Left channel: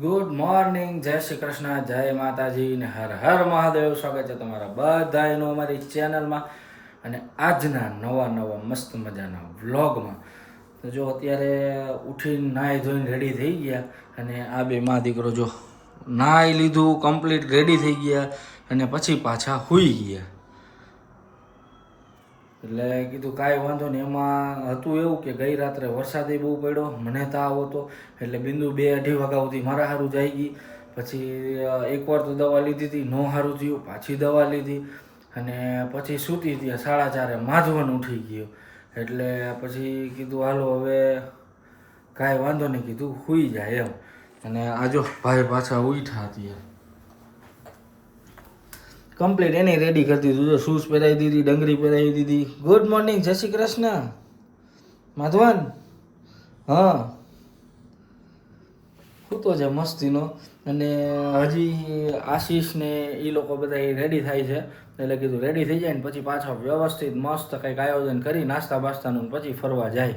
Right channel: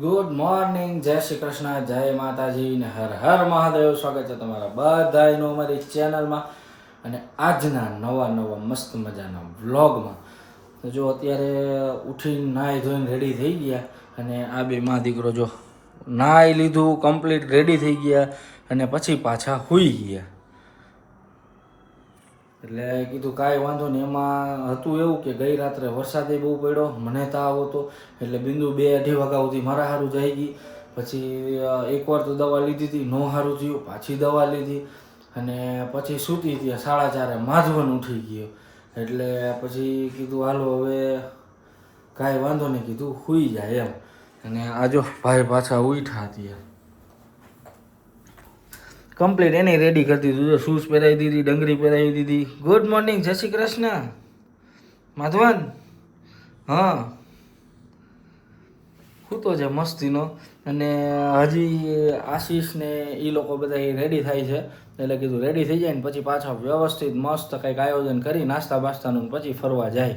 Good morning, જય શ્રી કૃષ્ણ, જય માતાજી ને હર હર મહાદેવ. સ્વાગત છે તમારા બધાનું અમારી ચેનલમાં અને આજના નવા મસ્ત મજાના વ્લોગમાં. તો જો અત્યારે ઉઠીને નાહી ધોઈને રેડી થઈ ગયા અને આ બે મા દીકરો જો નાહી લીધું, કમ્પ્લીટ રેડી થઈ ગયા અને પછી પાછા સૂઈ ગયા. એટલે કીધું કાંઈ વાંધો નહીં. એમાં હતું એવું કે ગઈ રાત્રે વરસાદે બહુ પડ્યો, મને તાવ હતો એટલે બિંદુ 2-2:30 વાગ્યા સુધી મારા સારું જઈ ગઈ. પછી એકવાર તો દવા લીધી હતી, નો સારું થયું, પાછી દવા લીધી અને પછી સૂતી હતી 4:30 માધવન ઉઠી ગયો. એટલે પછી કીધું હાલો હવે કાંઈ વાંધો નહીં, કીધું સૂઈ જાય એમ. અને આજો ભાઈ પાછા ઉઠ્યા હતી, કમ્પ્લીટ એને રેડી કરી દીધું. શૂઝ પહેરાવી દીધી, ડંગરી પહેરાવી દીધી. ગુડ મોર્નિંગ, જય શ્રી કૃષ્ણ માધવન. હા શું તો છે મસ્તીનો. અને હજી આશીષ ને એ લોકો બધા રેડી થાય છે. એટલે કીધું રેડી થઈ જાય ને પછી પાછા વ્યવસ્થિત મસ્ત કંઈક આયોજન કરી નાસ્તા બાસ્તાનું પછી ફરવા જાય.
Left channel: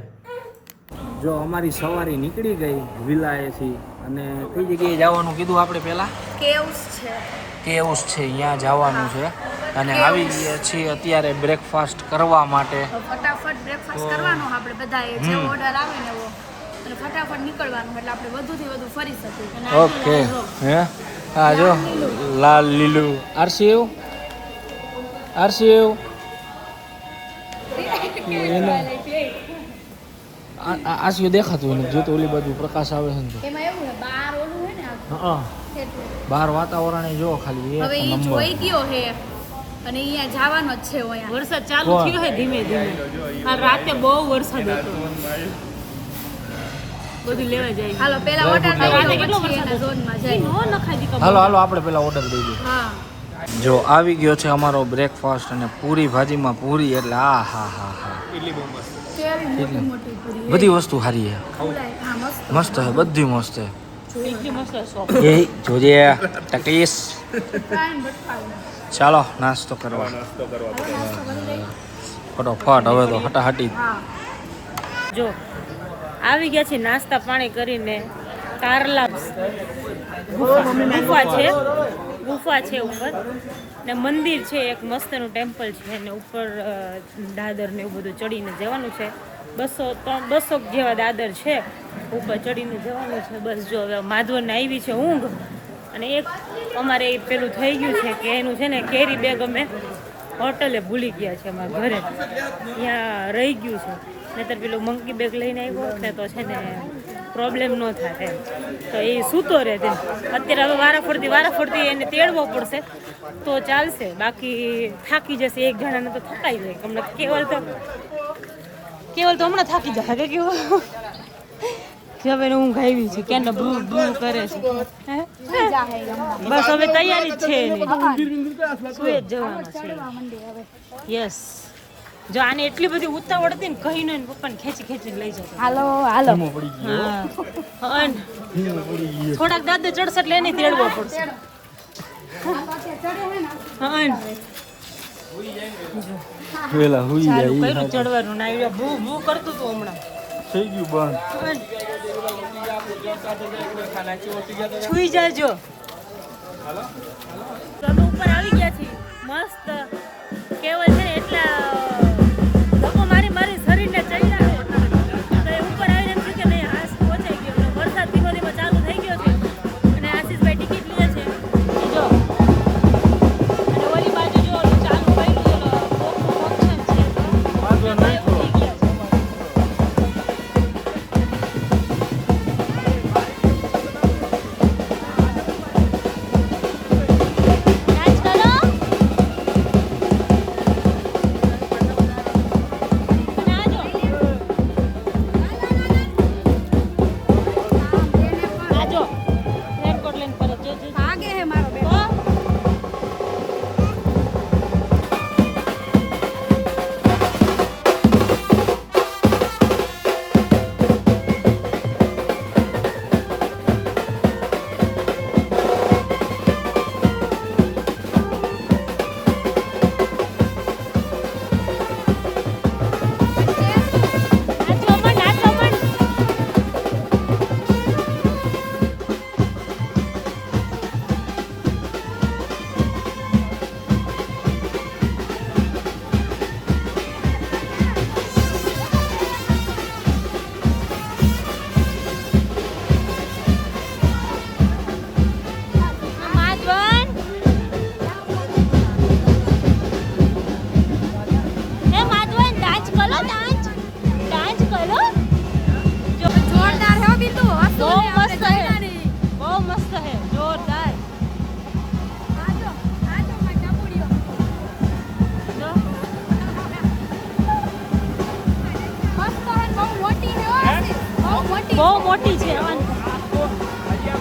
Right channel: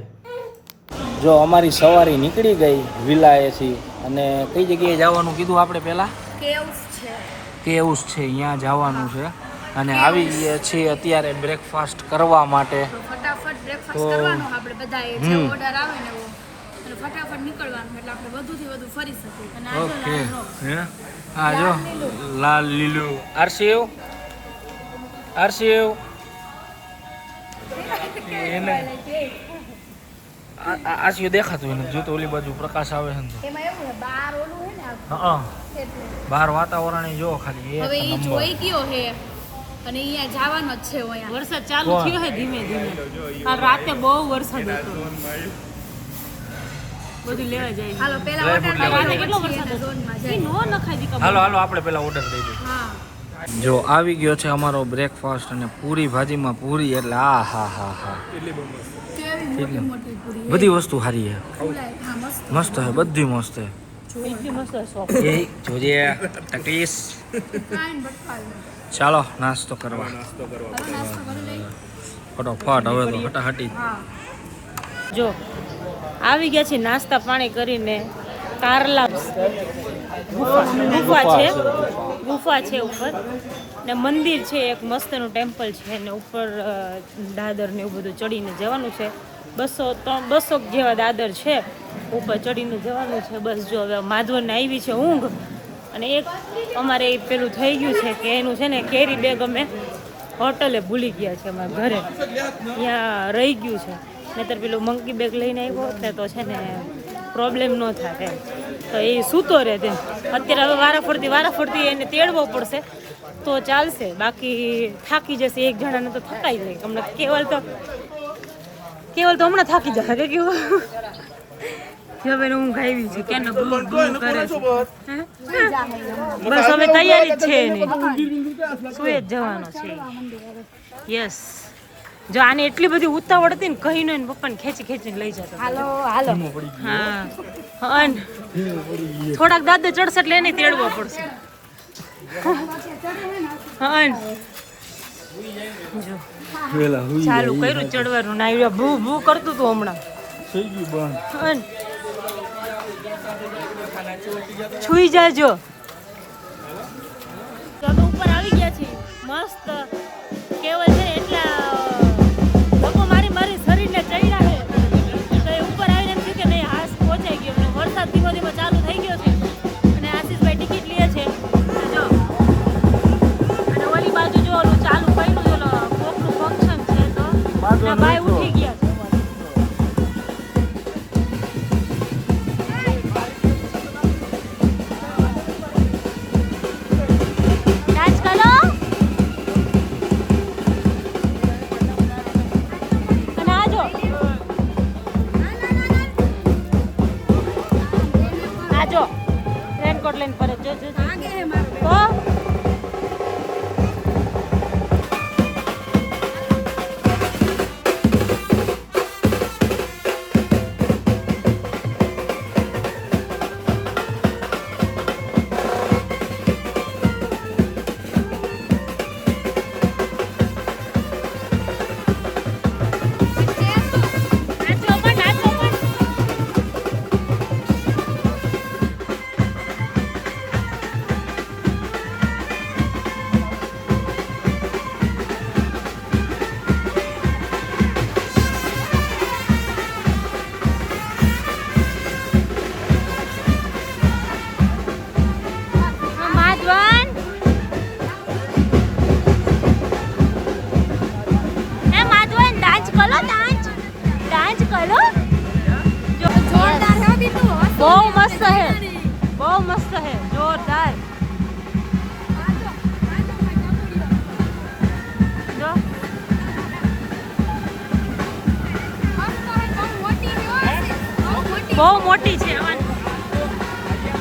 જો અમારી સવારી નીકળી ગઈ વિલાએથી. અને કઈ જગ્યાએ જવાનું કીધું આપણે પહેલાં? કેવ્સ છે, અહીંયા જવાનું છે. અને આવી ગયા છીએ અત્યારે બ્રેકફાસ્ટ કરવા માટે. ફટાફટ બ્રેકફાસ્ટ કરવાનો આપણે બધાએ જે ઓર્ડર આવે ને એવો અને ફટાફટ નીકળવાનું એટલે આપણે વધુથી વધુ ફરી શકીએ. ઓકે. હે હા જો લાલ લીલું આરસીએવ એને આરસીએવ દેખાતું એને જો તો ઓલી બાજુ પ્રકાશ આવે છે ને એમાં એવું બહાર ઓલું હે ને હા બહાર વાતાવરણ જો ખાલી હવે ઈ જોઈ ગયો હે અને અહીંયા જવાનો જ છે. અહીંયા વરસાદ ચાલુ થયો છે ધીમે ધીમે. કાલ રાતે બહુ વરસાદ હતો, બધું લેવા જાય. હાલો પહેલા ઓર્ડર રાતે કેટલો વરસાદ હતો, ઝોનમાં જાય. નો નખાઈ દી. હાલો આપણે પેલા ઓર્ડર દઈ દઈએ. હા જો આવી ગયો છે અમારો બ્રેકફાસ્ટ અને પૂરી ભાજીમાં પૂરી એટલે આ હા કેવી મોટી પૂરી બધી વસ્તુ સારી છે, ફૂલાય. હા મસ્ત મસ્ત છે, બધી મસ્ત છે. એટલી મસ્ત શોપ. એ જોજે ટકીસ. ફ્રાઈન બટકાઈ ચાલો નાસ્તો કરવા નાસ્તો કરી લઈ. ફટોફટ હવે તો હટાહટી. હા જો આવી ગયા છે નાસ્તા પાણી કરીને. કારલા ગુફા છે ઉપર ને મંદિર છે, એક મસ્તનું ટેમ્પલ છે ને ઉપર દાદર ને એવું બધું ચડીને જવાનું છે. 200 જેવા દાદર છે, ઉપર ચડીને જવાનું છે. બસ જો હવે માધવને આવી છે ઊંઘ. અને એક અમારે પેલું થઈ ગયું છે કે એનું છે ને કેરી બેગ અમે હોટલે ભૂલી ગયા છે, અમારા ઘરે ત્યાં રહી ગયું છે. નહીતર પેલું મંકી બેગ લઈને આવ્યો હોત ને તો છે ને પ્રોબ્લેમ ન થાય એમ. તો એ સૂતો રહે તેમ. અત્યારે હવે વારાફરતી એને તેડવો પડશે તો ચાલશે, બાકી થાકી જશે. એક જણાને તો થકાઈ જાય. હમણાં કેવલ તો હમણાં થાકી જશે કે કેવું. હવે ઊંઘ આવી છે કે બ્લુ કરે છે. બસ હવે તૈયારી જ છે એની, સુઈ જ જવાનો છે. યસ. જો આને એટલી બધી ઉતાવળ હતી ને કહી ને પપ્પાને ખેંચીને લઈ જતો. હાલો હા થોડાક દાદા ચડશે એટલે એને તેડવો પડશે. ચાલુ કર્યું ચડવાનું ના ભૂ કરતું હતું હમણાં થઈ ગયું બંધ. છુઈ જાજો. અમે ઉપર આવી ગયા છીએ મસ્ત. કેવલ છે ને એટલા ધક્કો મારી શરીરને ચડ્યા છે તો એ ઉપર આવીને એમ થયું કે નહીં હાસ પહોંચાઈ ગયો. અને વરસાદ ધીમે ધીમે ચાલુ થઈ ગયો છે અને આશીષભાઈ ટિકિટ લે છે. જો અને ઓલી બાજુ જો ઓલું ચાલુ કર્યું છે, કોકનું ફંક્શન છે તો ભાઈ ઉઠી ગયા છે. બહુ મોટી છે હજી આમ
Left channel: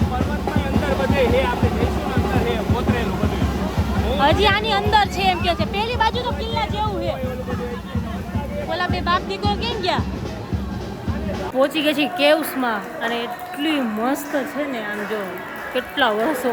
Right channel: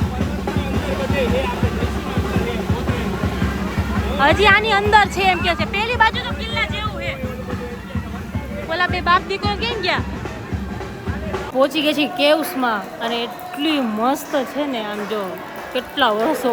પર્વતમાં અંદર બધે હે આપણે જઈશું ને અંદર હે કોતરેલું બધું હજી આની અંદર છે એમ કે છે પેલી બાજુ તો કિલ્લા જેવું છે ઓલા બે બાપ દીકરો કેમ ગયા પહોંચી ગઈ છે કેવ્સમાં અને એટલી મસ્ત છે ને આમ જો કેટલા વર્ષો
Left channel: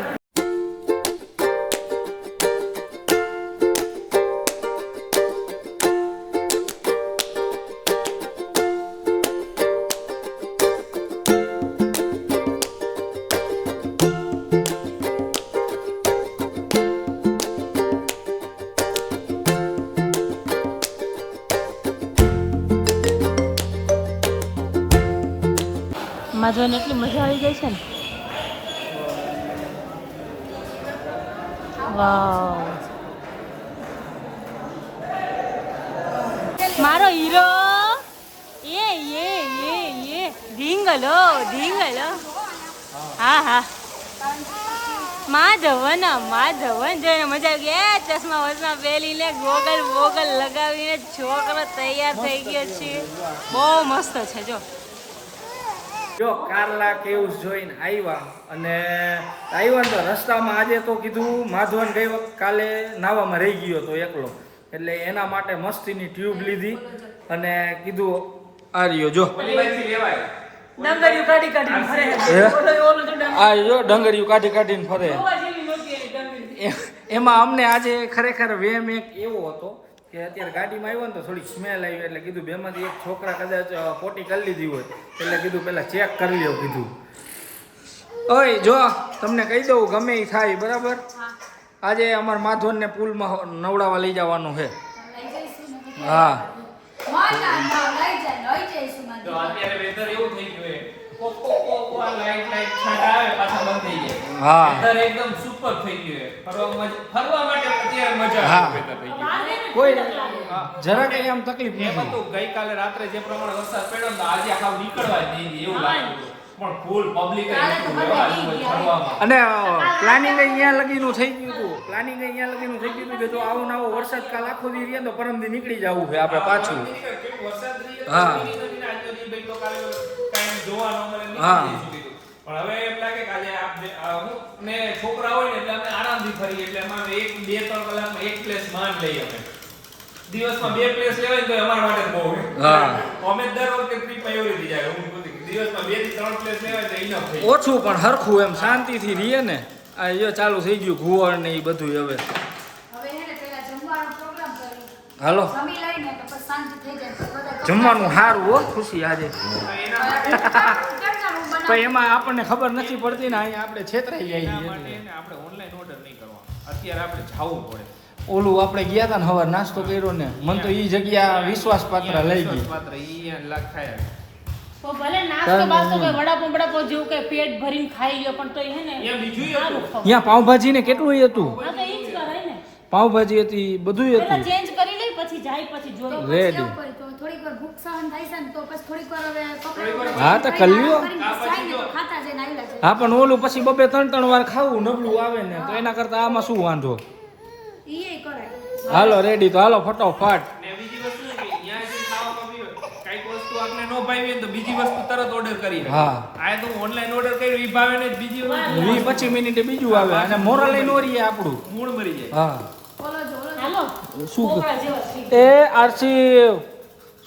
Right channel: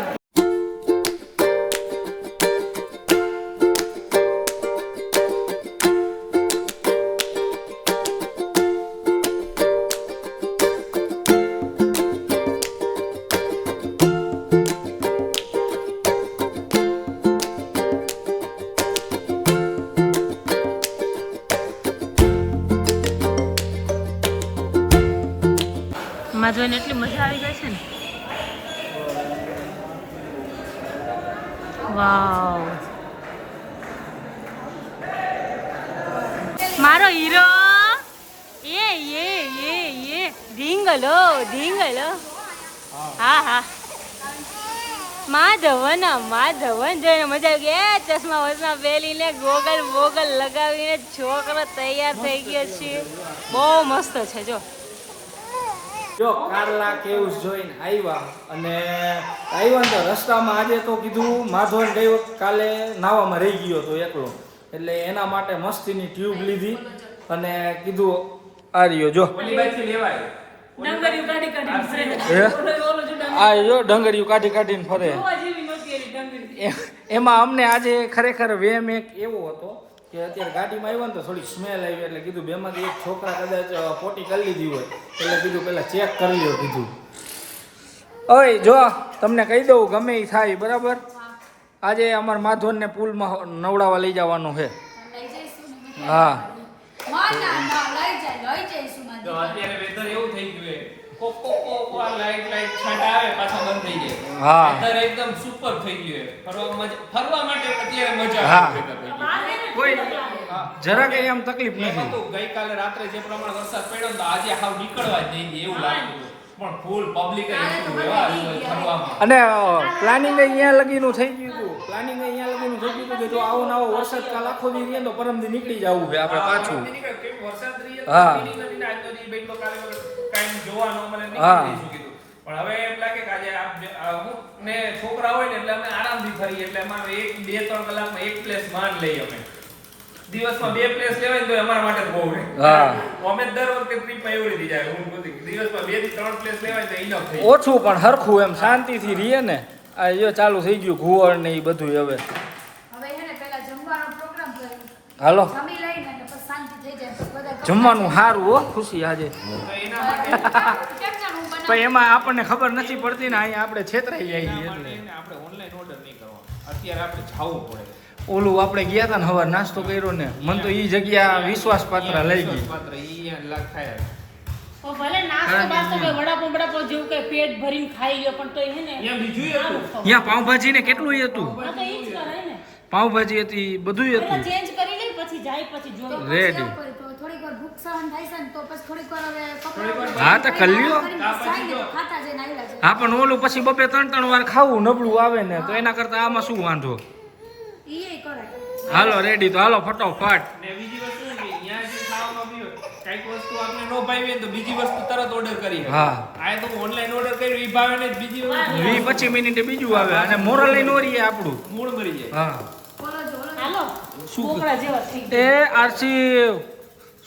માં જોઈને એટલી મજા આવી ગઈ છે ને વાવ મારો હીરો એ ઢીંગલો હા હા માધવન જોઈને મજા આવી ગઈ ચશ્મા વસમા પહેરીને ગોગલ બોગલ લગાવીને છોકરો તૈયાર થઈ ગયો છે બહુ મસ્ત છે જો કારલા કેવ્સ જોઈને આવ્યા અને આવ્યા ને તો રસ્તામાં આજે તો કીધું માધવન ગઈ વખત કાલે નાવામાં રહી ગયો તો એકલો એટલે એના માટે મસ્તીની ટ્યુબ લીધી અને કીધું આ રહ્યો જો ડંગરિયું કાઢી કાઢીને ફરે આ જો ડંગરિયું કાઢીને ફરે એમાં અમને આજે ખરેખર વેમ એક એવો હતો કે અત્યારે ગાડીમાં આવ્યો ને તો થોડી સ્મેલ આવી એટલે કીધું બેમાંથી એક છોકરા કદાચ પોટી કરી લીધી હોય એટલે કીધું પહેલાં ચેક કરી લ્યો કીધું ઓય જો તમને કહી દઉં ગમે એ થાય બરાબર આજે અમારા માધવનને પુલમાં નવડાવવા લઈ જવાનું છે લઈ જઈશું ને હા લઈ જઈશું માં દીકરા. અત્યારે વેધર એવું થઈ ગયું હે કોક આ લાઈટ ઠંડા આવે પાછા બંધ થઈ જાય હા વેધર એકદમ સુપર થઈ ગયું હે ફરવા માટે અત્યારે મજા હા. આવે વેધર થઈ ગયું કોઈ જરા કઈ આમ તકલીફ એમાં નથી તો ગઈકાલે રાત્રે જે પ્રમાણે વરસાદ પડ્યો ને તો આજે હાવ નીકળવા જ નહીં એવું લાગતું પણ ફૂલ પબ્લિક ફરવામાં અને પ્લાનિંગ અહીંયા લગીનું થઈ ગયું હતું પ્લાનિંગ અહીંયા લગીનું થઈ ગયું હતું કે જો આવો ને આવો વરસાદ કાલ આખો દી રહીએ તો પરમદી નીકળી જવું છે આપણે પાછું વરસાદ રહીએ તો હા. નથી ને આજનો દી બેઠો કાલે કાંઈ જોવા ન મળે હા. નીકળી જઈશું કીધું પણ હવે એમ લાગે કે આજે હું ને છોકરા હોય ને એટલે અમે આરામથી ફરીએ એટલે અમારે 1-2-3 કલાકમાં એક પ્લેસ માંડ લઈએ અમે દિવસમાં 2 પ્લેસ લેવાય ને તો અમારા માટે બહુ છે હા. અમે દર વખતે ટ્રીપમાં એવી રીતે જાય હું બધી દિવસમાં 2 થી 3 પ્લેસ લેવાય તો ઇનફ થઈ ઓછું પણ હરખું એમ શાંતિથી રહીએ ને આ જો ચાલુ થઈ ગયું ઘુવડ ને એ બધું હવે હવે હે ને પેલા જમવાનો પ્રોગ્રામ કરી હાલો જમી લઈને તો પછી શાંતિ થઈ જાય પછી બધા જમવાનું સારું હો ખુશી આજે કેમનું બનાવ પણ એમાં આપણને ખબર નથી પડતી ને અહીંયા આપણે છેતરાઈ જઈએ એના છીએ માટે એટલે. એને આપણે ઓનલાઈન ઓર્ડર નહીં કરવાનો અત્યારે આપણે જાવું પડે ઓલું આપણે ગયા હતા ને હવે નાસ્તો કર્યો ને મને તો એ જગ્યા વિશ્વાસપાત્ર લઈ ગઈ પાત્ર ઈ લાગ થાય તો ભલે નાસ્તો બાસ્તો કે વડાપાવ જેવું કે પેટ ભરીને ખાઈ લ્યો પણ તો હે ને અહીંયા બીજું સારું ખાવ ત્યાં પાવભાજી ને કેટલું હતું હા તો ઈ જ કરાય ને પાવભાજી હતી બધું પેલા હતું ચેન્જ કરી લઈ પછી જાય પછી તો જોઈ પછી રેડી. એવું કરી તો થોડીક વાર ભૂખ સહન થાય છે ને તો પછી થોડીક વાર હવે કપડાં બપડા હા, તો કરી લ્યો. કરીને જાય ને તો ખાતા જઈને આવેલા છે હા પણ ઓલું પછી બબે 3 વાર ખાવું નબળું આવે ને તો એના કરતા આમાં શું વાંધો ઈ કરાય હાલો રેડી તો હાલો ફટોફટ ને બીજી વસ્તુ એ કે અહીંયા જે ખાવામાં બી કઈક વસ્તુ આપણે ન ભાવી હોય તો બીજી વસ્તુ તરત ઓર્ડર કરી શકે. હા. આ તો ઓનલાઈન ઓર્ડર કર્યું ઈ ભાવે ને બીજી વસ્તુ 20-25 મિનિટે બીજું આવે અને મોરલ લઈને ઓરીએ આપણું મૂળ મરી જાય હા હાલો છોકરા જેવા થઈ એ આરસી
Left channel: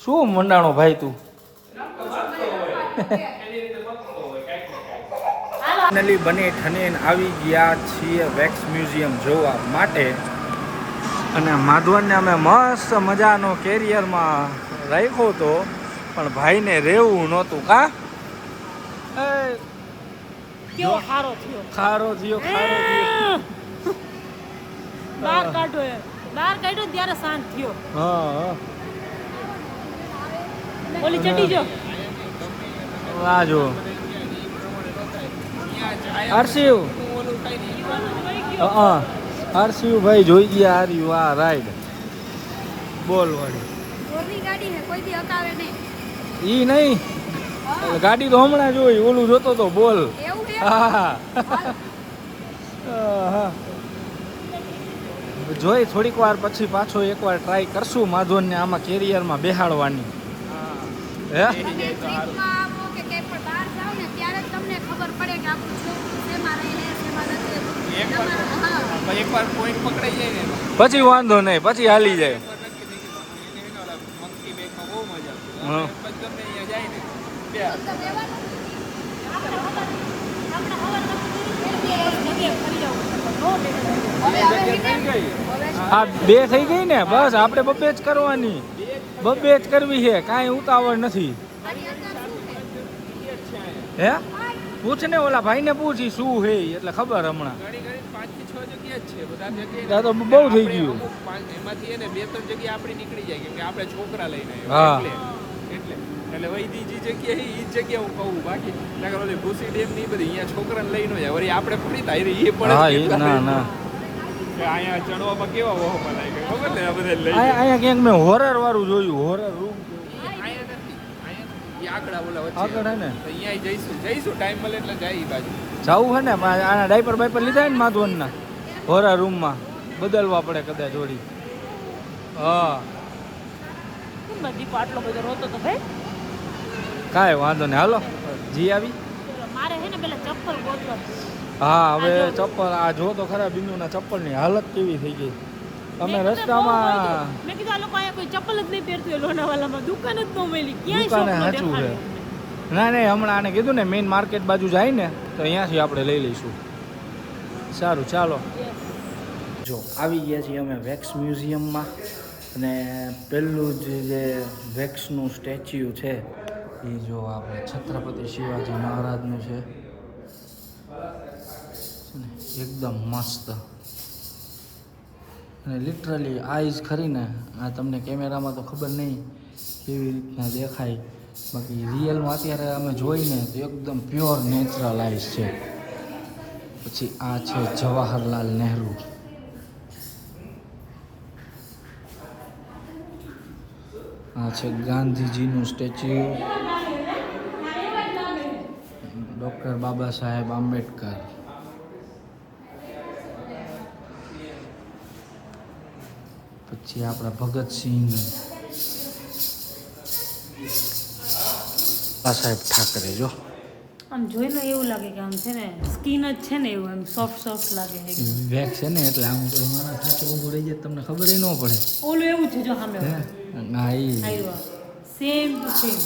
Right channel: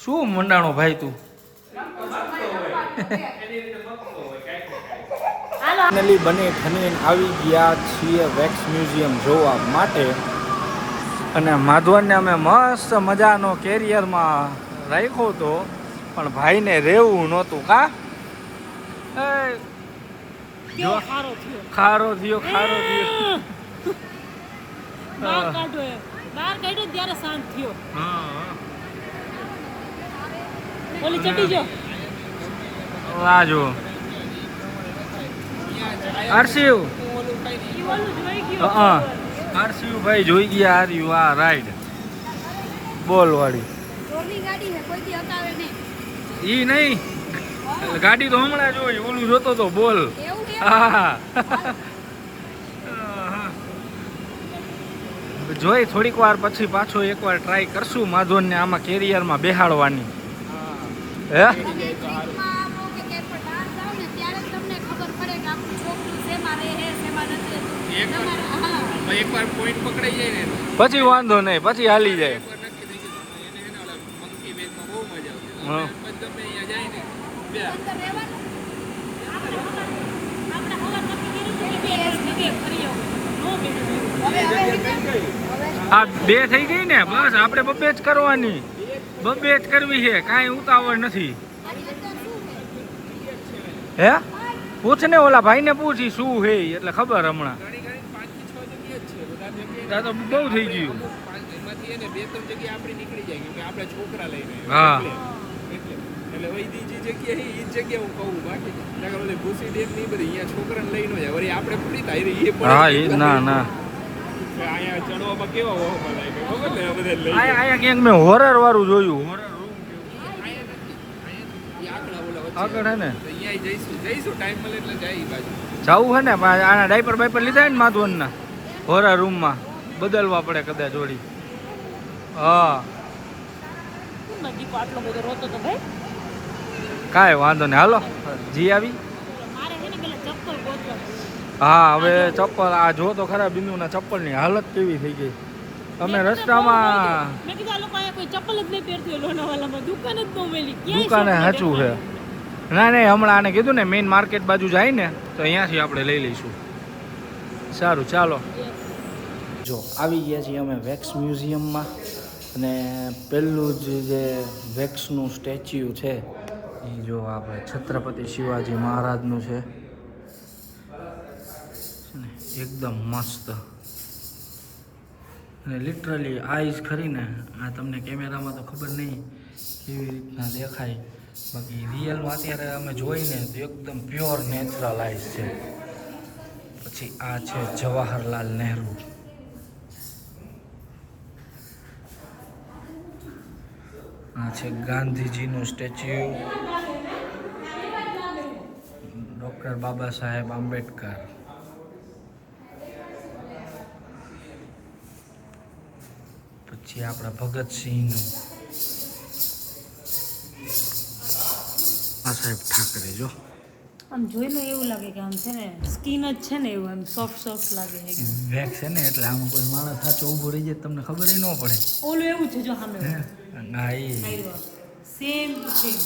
શું મંડાણો ભાઈ તું ફાઇનલી બની ઠનીને આવી ગયા છીએ વેક્સ મ્યુઝિયમ જોવા માટે અને માધવનને અમે મસ્ત મજાનો કેરિયરમાં રાખ્યો હતો પણ ભાઈને રહેવું નહોતું કા એ કેવો ખારો થયો ખારો થયો બહાર કાઢ્યો એ. બહાર કાઢ્યો ને ત્યારે શાંત થયો હા હા ઓલી ચડી જો આ જો હર્ષિવ હા હર્ષિવ ભાઈ જોઈ ગયા હાર્યું આ રાઈડ બોલ વાળી ચોરની ગાડી હે કોઈ દી હકાવે નહીં ઈ નહીં એટલે ગાડી તો હમણાં જોઈ ઓલું જોતો તો બોલ એવું છે હા જોઈ થોડીક વાર પછી પાછો એકવાર ટ્રાય કરશું માધવનને આમાં કેરિયરમાં બેહાડવાની હે તમે ટ્રીપમાં આવો કે ક્યાંય પણ બહાર એકવાર પોઈન્ટ પકડાઈ જાય ને પછી વાંધો નહીં, પછી હાલી જાય. એકવાર નક્કી થઈ ગયું. એને એને ઓલા મંકી બેગમાં બહુ મજા હા. આવતી. પછી ગમે અહીંયા જાય ને બે અંદર રહેવાનું. આપણે હવા નથી કરી બે જગ્યાએ ફરી આવું નો બેઠો હવે આ 2 થઈ ગઈ ને, બસ આપણે બબ્બે જ કરવાની, બબ્બે જ કરવી છે, કાંઈ ઉતાવળ નથી. આની અંદર શું છે? હે પૂછ ને ઓલા ભાઈને પૂછી શું છે એટલે ખબર હમણાં. ઘણી ઘણી 5 થી 6 જગ્યા જ છે. બધા જગ્યાએ આ તો બહુ થઈ ગયું. અમુક એમાંથી એને 2-3 જગ્યા આપણી નીકળી જાય કેમ કે આપણે છોકરા લઈને હા. એટલે વૈદી જે જગ્યા છે એ જ જગ્યા હું કહું. બાકી નગર ઓલી ભૂસી ડેમ ની બધી અહીંયા છોકરાને લઈને જાય વળી આપણે પૂરી થાય એ હા પણ એ ના ના કે અહીંયા ચડવામાં કેવા વહોમાં લાગે ખબર ને આ બધા લઈ જાય. અહીંયા ક્યાંક મેં હોરર વાળું જોયું, હોરર રૂમ અહીંયા નથી. અહીંયા ઈ આગળ ઓલા વચ્ચે આગળ હે ને તો અહીંયા જઈશું ટાઈમ મળે એટલે જાય ઈ બાજુ. જવું હે ને, પણ આના ડાયપર બાયપર લીધા ને માધવનના હોરર રૂમમાં બદલવા પડે કદાચ થોડી. હા કેમ દીકો આટલો બધો રોતો તો ભાઈ? કાંઈ વાંધો નહીં, હાલો જી આવી. ચલો મારે હે ને પેલા ચપ્પલ ગોતવા છે. હા હવે ચપ્પલ આ જો તો ખરા બિંદુના ચપ્પલની હાલત કેવી થઈ ગઈ. તમે મેં કીધું રસ્તામાં મેં કીધું આ લોકો અહીંયા કોઈ ચપ્પલ જ નહીં પહેરતું હોય લોનાવાલામાં, દુકાન જ ન મળી. ક્યાંય દુકાને shop ન સાચું છે. દેખાય. ના નહીં, હમણાં આને કીધું ને મેઇન માર્કેટ બાજુ જાય ને તો અહીંયાથી આપણે લઈ લઈશું. સારું ચાલો. Yes. જો આવી ગયા છીએ અમે વેક્સ મ્યુઝિયમમાં, અને પહેલું જ જે વેક્સનું સ્ટેચ્યુ છે એ જો આપણે છત્રપતિ શિવાજી મહારાજનું છે. એકદમ મસ્ત, અને લિટરલી આઈઝ ખરીને આ તમને કેમેરામાં તો ખબર નહીં કેવી રીતના દેખાય, બાકી રિયલમાં અત્યારે અમે જોઈને તો એકદમ પ્યોર નેચરલ આઈઝ છે. પછી આ છે જવાહરલાલ નહેરુ, આ છે ગાંધીજીનું સ્ટેચ્યુ, ડૉક્ટર બાબા સાહેબ આંબેડકર, પછી આપણા ભગતસિંહનું, બાબા સાહેબ ઠાકરે. જો આમ જોઈને એવું લાગે કે આમ છે ને સ્કિન જ છે ને એવું એમ સોફ્ટ લાગે એકદમ. વેક્સ છે ને એટલે આમ કોઈ માણસ સાથે ઊભું રહી જાય તમને ખબર ન પડે. ઓલું એવું છે જો સામે હે ના એ સેમ સેમ.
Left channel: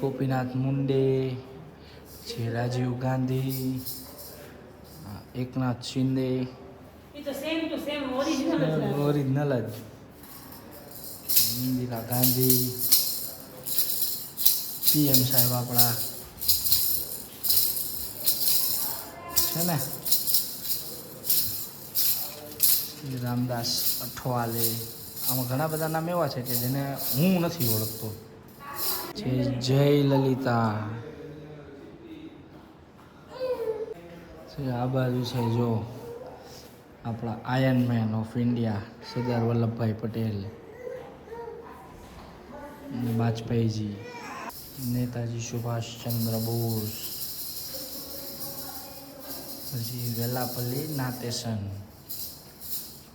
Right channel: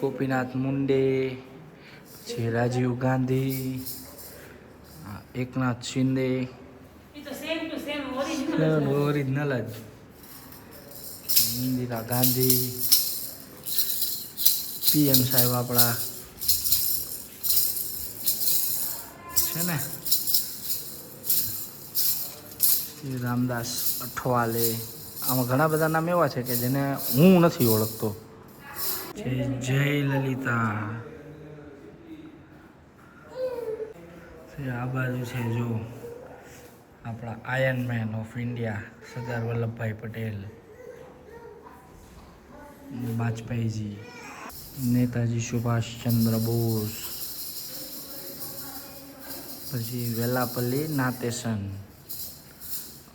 ગોપીનાથ મુંડે, પછી રાજીવ ગાંધી, એકનાથ શિંદે, એ તો same to same original. Original જ. ઇન્દિરા ગાંધી, પીએમ સાહેબ આપણા છે ને, શ્રી રામદાસ અઠવાલે. આમાં ઘણા બધા નામ એવા છે કે જેને હું નથી ઓળખતો. છે જય લલિતા. આ બાજુ છે જો આપણા iron man of India Sardar Vallabhbhai Patel, વાજપેયીજી, નેતાજી સુભાષચંદ્ર બોઝ, પછી વેલાપલ્લી નાતેસન,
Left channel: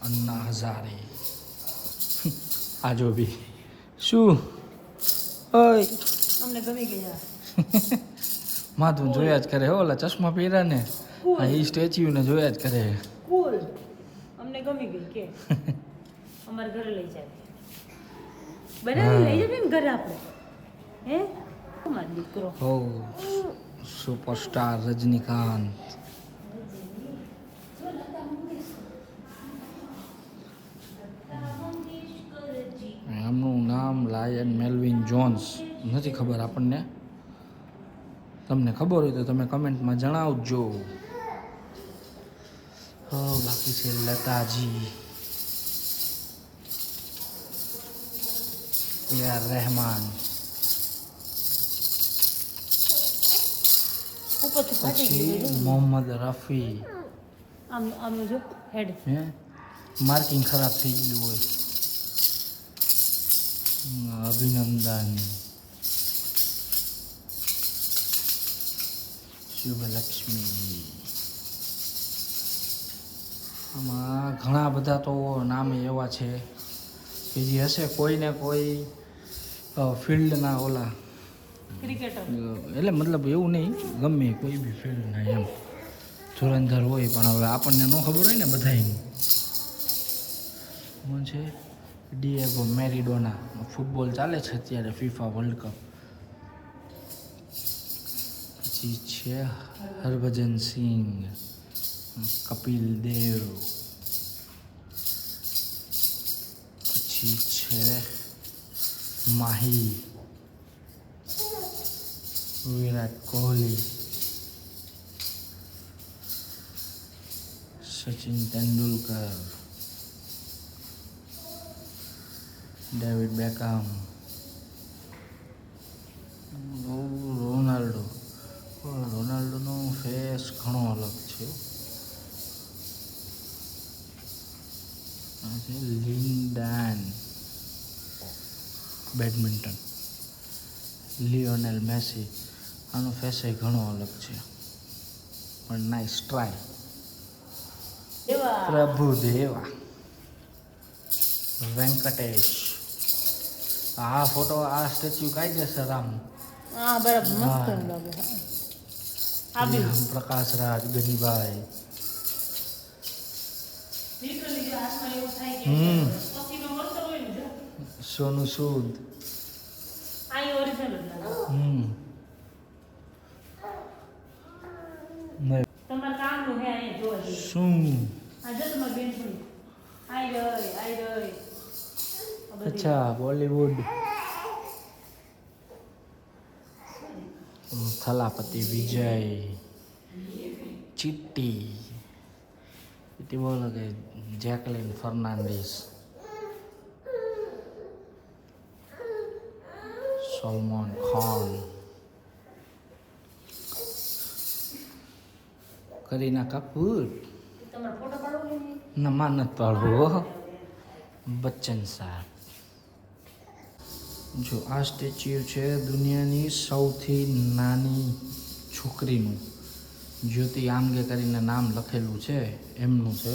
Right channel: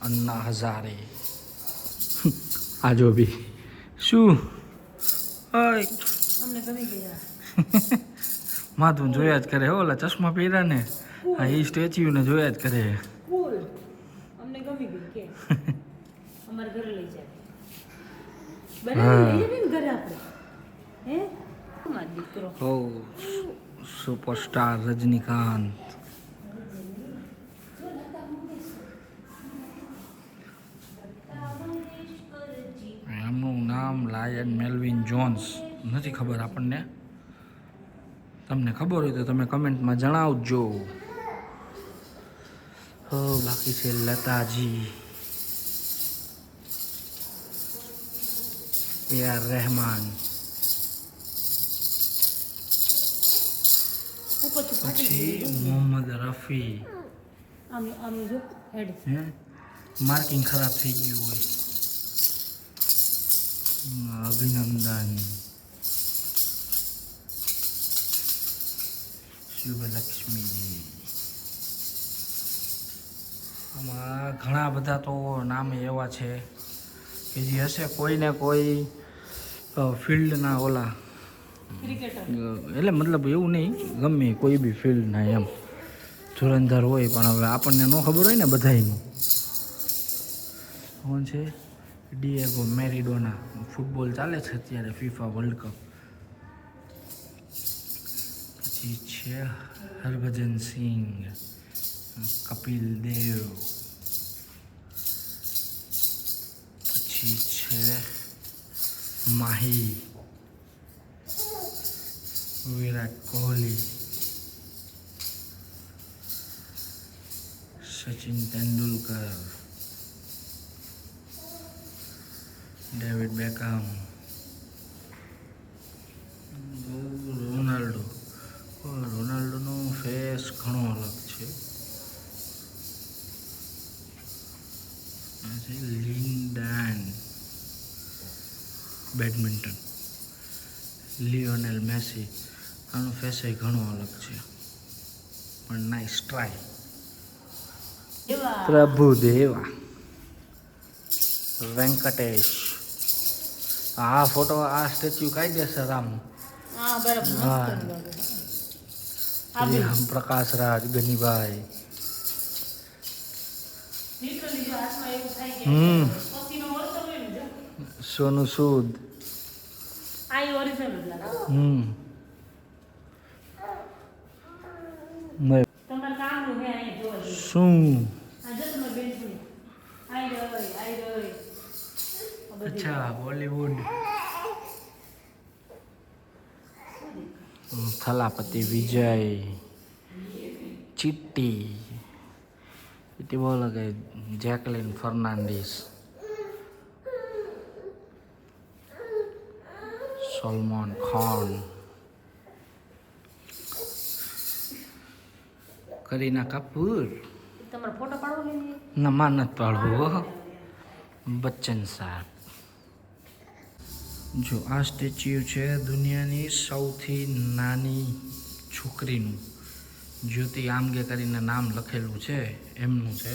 અન્ના હઝારે. આજો બી શું ઓય અમને ગમી ગયા. માધું જોયા જ કરે હો, ઓલા ચશ્મા પહેર્યા ને આ એ સ્ટેચ્યુ ને જોયા જ કરે. કુલ અમને ગમી ગઈ કે અમારે ઘરે લઈ જાય બનાવી લઈ જાય ને ઘરે આપણે. હે મારો દીકરો ઓ સુપરસ્ટાર રજનીકાંત. એમનું નામ લાયન મેલ્વિન જોન્સ. નથી ખબર આપણને, તમને ખબર હોય તો તમે કમેન્ટમાં જણાવજો. બાકી છે લતાજી, AR રહેમાન, ઉપરથી ફાટી પછી ગઈ. મોહમ્મદ રફી. આમ આમ જો હેડ હે માર્કિંગ ખરાબ થઈ ગયું હોય. અભિનંદન, શુભલક્ષ્મી. આમાં ઘણા બધા તો નામ એવા છે કે જે હશે કોઈને કોઈ ફિલ્ડના ઓલા ક્રિકેટર એટલે મતલબ એવું નહીં, ગમે કોઈ બી ફિલ્ડના એમ ધુરંધર હોય, પણ હવે આપણને ન ખબર હોય ને બધાયનું. કોણ છે? Diego Maradona. ફૂટબોલ ચાલે છે અત્યારે, ફીફા વર્લ્ડ કપ. પછી છે હરભજન સિંહ, કપિલ દેવ, પછી છે Mahi, Virat Kohli, Sachin Tendulkar, David Beckham, Ronaldo. રોનાલ્ડોનો ફેસ ઘણો અલગ છે. Lin Dan badminton, Lionel Messi. આનો ફેસ ઘણો અલગ છે, પણ નાઇસ ટ્રાય. પ્રભુદેવા, વેંકટેશ. આ ફોટો, આ સ્ટેચ્યુ કાયદેસર આમ. હા બરાબર હા. આબી પ્રકાશ રાજ, ગનીભાઈ. સોનુ સૂદ. તમારા કામનું હે અહીંયા જોવા જેવું. શું? આ જો તમારી બેનપણી. આઈ રહી. અચ્છા, બોલીવુડ. થલાપતિ વિજય, ચિટ્ટી બોલો કે જેકલિન ફર્નાન્ડીસ, સલમાન ખાન, કરીના કપૂર. તમારો ફોટો પાડવો ના, માં નથી પાડવો. બચ્ચન સાહેબ. જો આ સ્ટેચ્યુ છે દુનિયાની સૌથી નાની છોકરીનું. જ્યોતિ આમગે કરીને નામ લખેલું છે, એમનું છે.